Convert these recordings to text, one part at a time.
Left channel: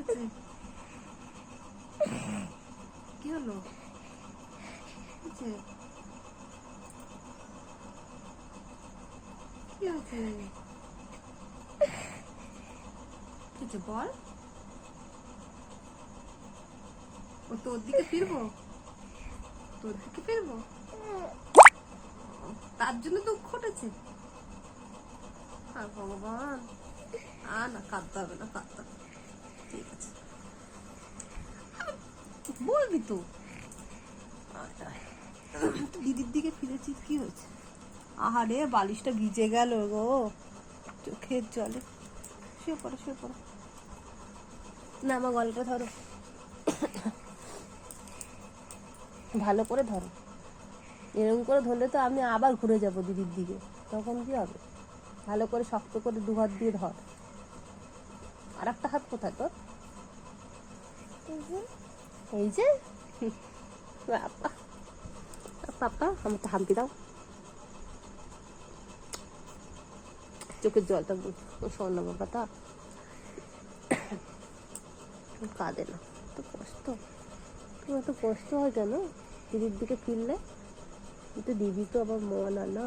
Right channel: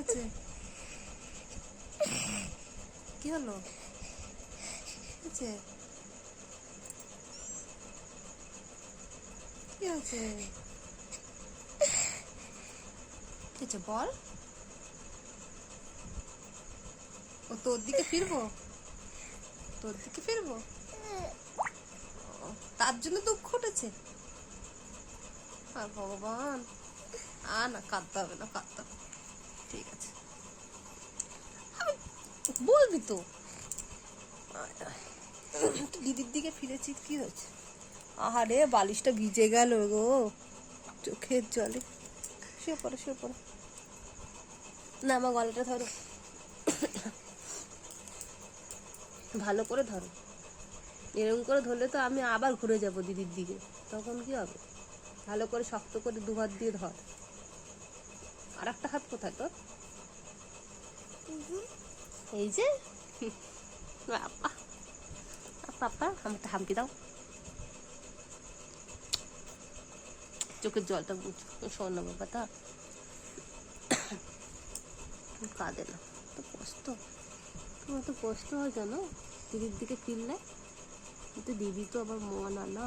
হয়েছে? কি হলো? কি হয়েছে? কিছু বল। তোর দিকে ফিরবো? তোর দিকে ফিরবো? তার জন্য দুঃখ উঠেছে? ভগবান, না কাঁদতে হবে না, কাঁদতে হবে। ঠিক আছে, বলবি তো। দিদির দিকে ফিরেছি, কি হয়েছে? আহারে, বালিশটা ভিজে গেল গো চোখের জলে। শুয়ে পড়ো, শুয়ে পড়ো। না, আমার গলাটা ধরো, ভালো করে ধরো। এরকম করে ধরলে তো আমি আবার ঘুরে যাব দিদির দিকে, তখন কি হবে? ভালো করে শক্ত করে দু হাত দিয়ে ধর। আর একটা হাত কোথায় তোর? এই যে পাপা, আমাকে হাম্পি দাও। চোখের জলটা সোনা বাবাটা কাঁদে না, তো কষ্ট। তোমার তো কষ্ট হয় কেন দিদির দিকে ফিরলে? কিন্তু দিদি তো আবার মন আর না।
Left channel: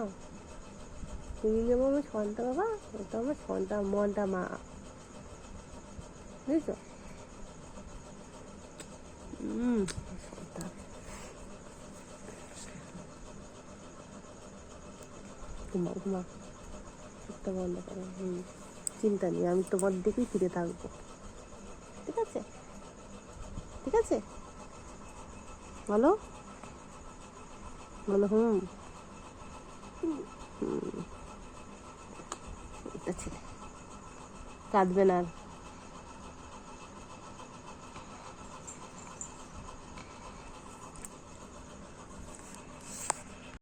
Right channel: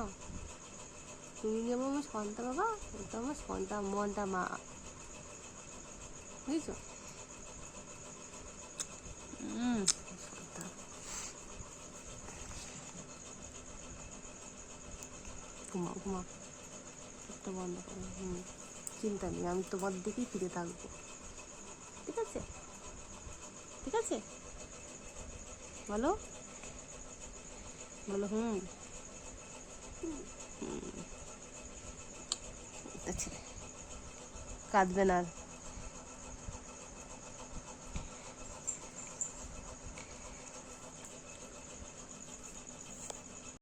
তুমি যেমন আমার সন্তা বাবা, এটা আমার সন্তা মনটা মা, বুঝছো? সন্তান। ঘুমাও, ঘুমাও, একটা বন্ধ করো। চিন্তা নেই, আমি তোমার দিকেই ফিরে থাকবো। ঠিক আছে, ঠিক আছে, বলো, বলো। ছেলে কাঁদবে না আর।